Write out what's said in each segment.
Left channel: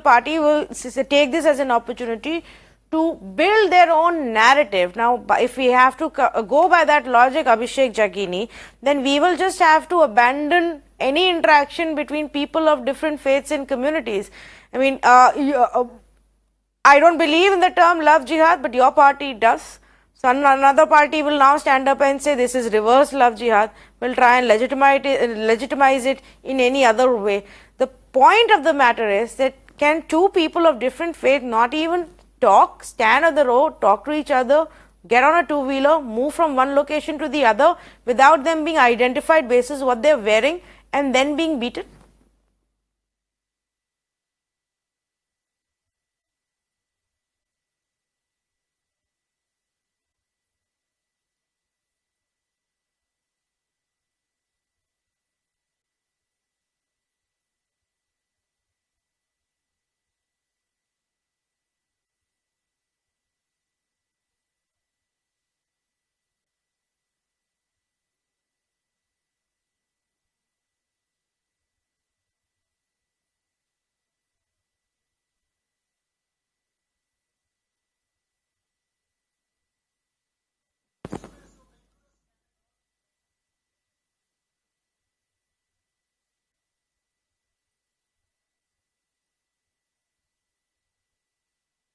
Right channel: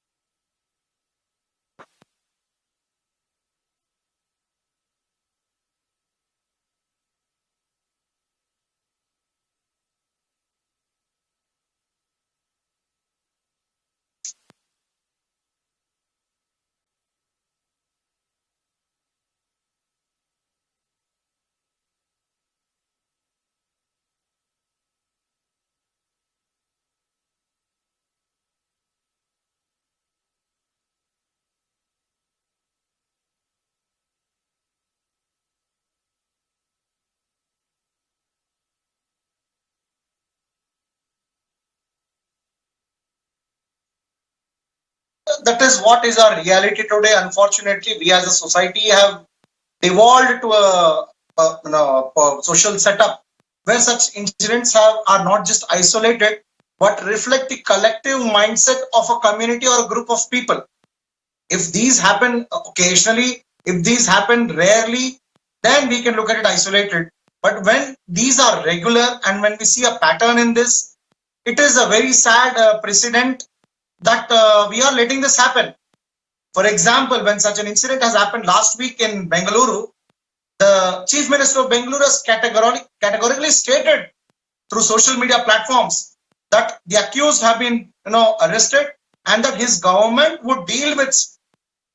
political party will take this as an opportunity to build their own narrative. Now, if we have to go by that logic, Abhishek Jagini, then we will just have to abandon any interaction between people of different faiths and communities. I mean, I don't believe in the term love jihad, but your party does. So another party will now stand up and say this is reverse love jihad, will try and legitimize it in any other way. The point of the matter is that can two people of different faith not even talk, stand on the road, talk to each other, get on a two-wheeler, move from one location to the other without them being identified basis what they're wearing and then being beaten? That is what is our reality today. Unfortunately, we as a society have evolved to a social setup where such incidents are not just isolated but reflect the collective mindset of a community or a group of people. If these happen occasionally, if these happen rarely, then we can look at it isolated. But when these are regular and when we see a pattern in this, it is a very sad precedent that we are letting this happen. For example, when such an incident has happened last week in Bengaluru, the Chief Minister of Bengaluru has categorically stated through social media platforms that the accused have been arrested and that his government would deal with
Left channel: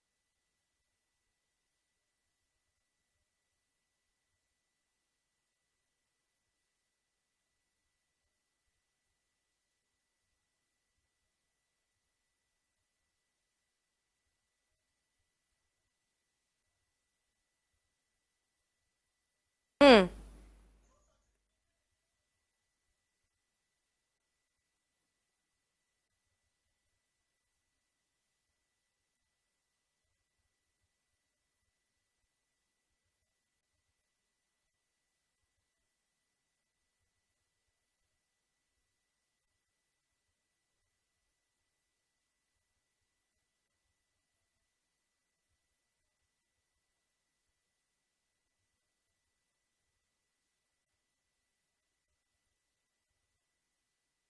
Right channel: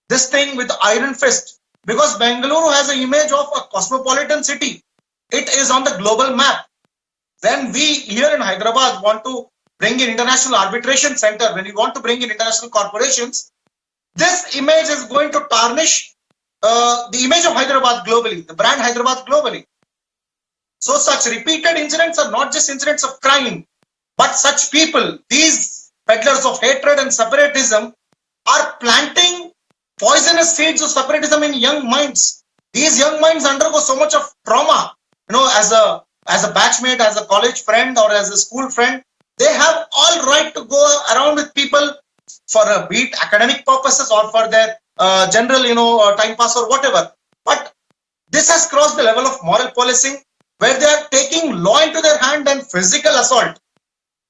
this thing with iron fist, because Bengaluru has an image of a cosmopolitan city. It is on the global map. When we here in Hyderabad want to bring in international arbitration center, when we want to bring in international corporations, this image is going to tarnish the image of Hyderabad globally, the brand Hyderabad globally. So such repeated incidents are not just incidents of crime, but such people, these peddlers of hatred and separatism, are planting poisonous seeds of separatism in young minds. These young minds undergo so much of trauma. As a batchmate, as a college friend, or as a school friend, they have all right to go around with people for be it academic purposes or for their general, time pass or whatever. But this has crossed the level of moral policing, where they are taking law into their hand and physical assault.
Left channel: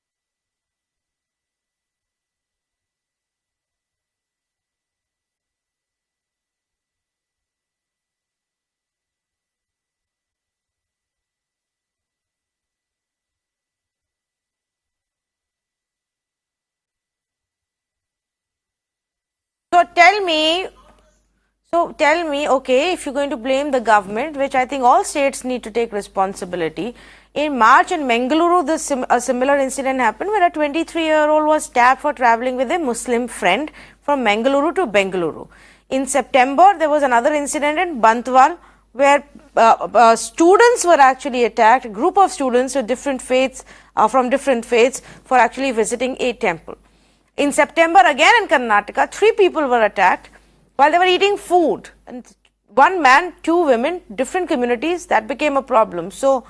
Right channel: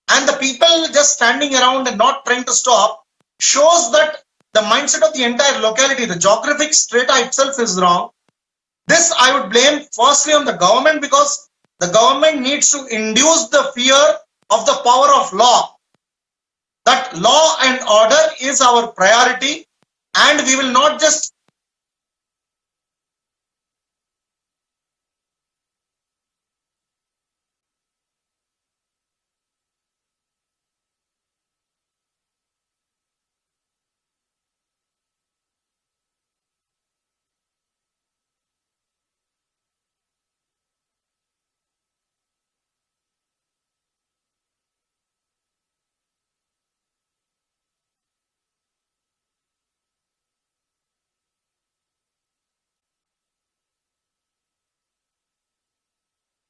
And the people just standing around and not trying to stop shows that the mindset of the entire locality, the geographic strata itself is wrong. This I would blame firstly on the government, because the government needs to induce the fear of the power of law. That law and order is our priority. So we will not just... So tell me, okay, if you're going to blame the government, which I think all states need to take responsibility, in March in Bengaluru, a similar incident happened where a 23-year-old was stabbed for traveling with a Muslim friend from Mangaluru to Bengaluru. In September, there was another incident in Bantwal where students were actually attacked, a group of students with different faiths, from different faiths, for actually visiting a temple. In September, again in Karnataka, 3 people were attacked while they were eating food. And 1 man, 2 women, different communities, that became a problem. So,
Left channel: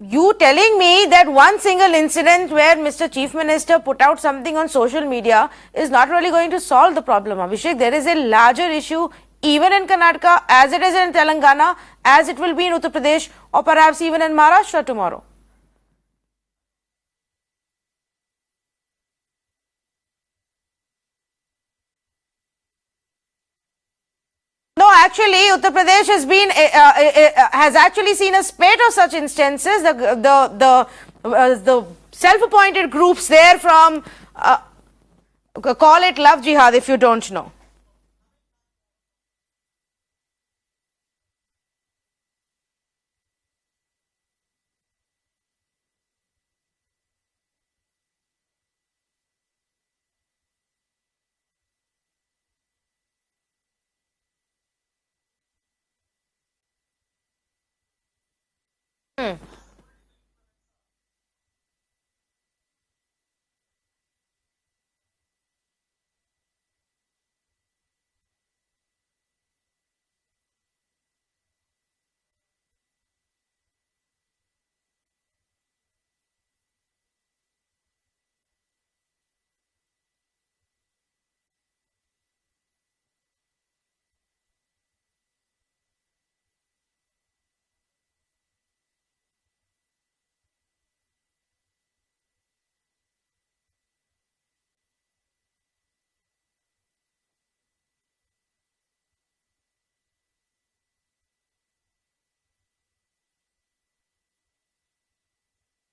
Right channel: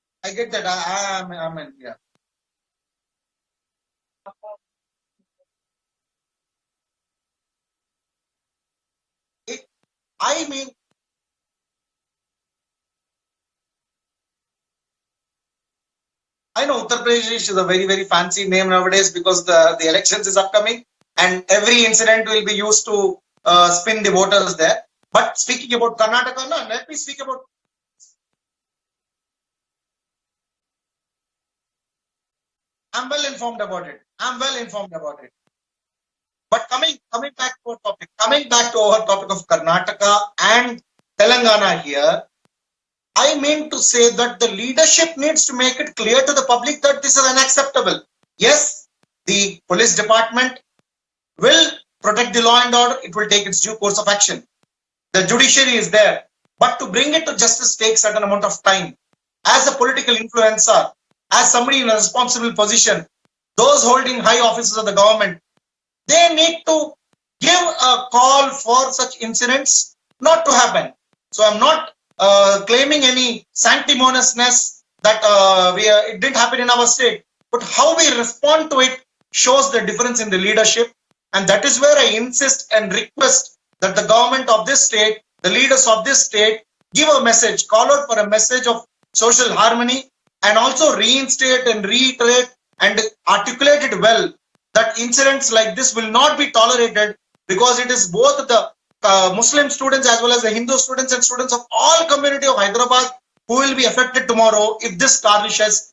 you telling me that one single incident where Mr. Chief Minister put out something on social media is not really going to solve the problem, Abhishek. There is a larger issue even in Karnataka, as it is in Telangana, as it will be in Uttar Pradesh, or perhaps even in Maharashtra tomorrow. I know Uttar Pradesh is a very, very fancy name nowadays because the elections is upcoming and every incident will be used to spin the voters there. No, actually, Uttar Pradesh has actually seen a spate of such instances. The self-appointed groups there from... I'm well informed about it. Call it love jihad if you don't know. Coming back to our topic of Karnataka and Telangana here, I mean to say that the leadership needs to make it clear to the public that this is unacceptable. Yes, the police department will protect the law and order. It will take its due course of action. The judiciary is there. But to bring it to justice takes a certain amount of time. As a political influencer, as somebody in a responsible position, those holding high offices of the government, they need to give a call for such incidents not to happen. So I'm not claiming any sanctimoniousness that it didn't happen in our state, but how we respond to it shows the difference in the leadership. And that is where I insist and request that the government of this state, the leaders of this state, give a message, call out for a message of social harmony, and also reinstate and reiterate and articulate it well that incidents like this will not be tolerated, because it is both the Muslim students as well as the Hindu students and students of all community of Hyderabad who will be affected tomorrow if this tarnishes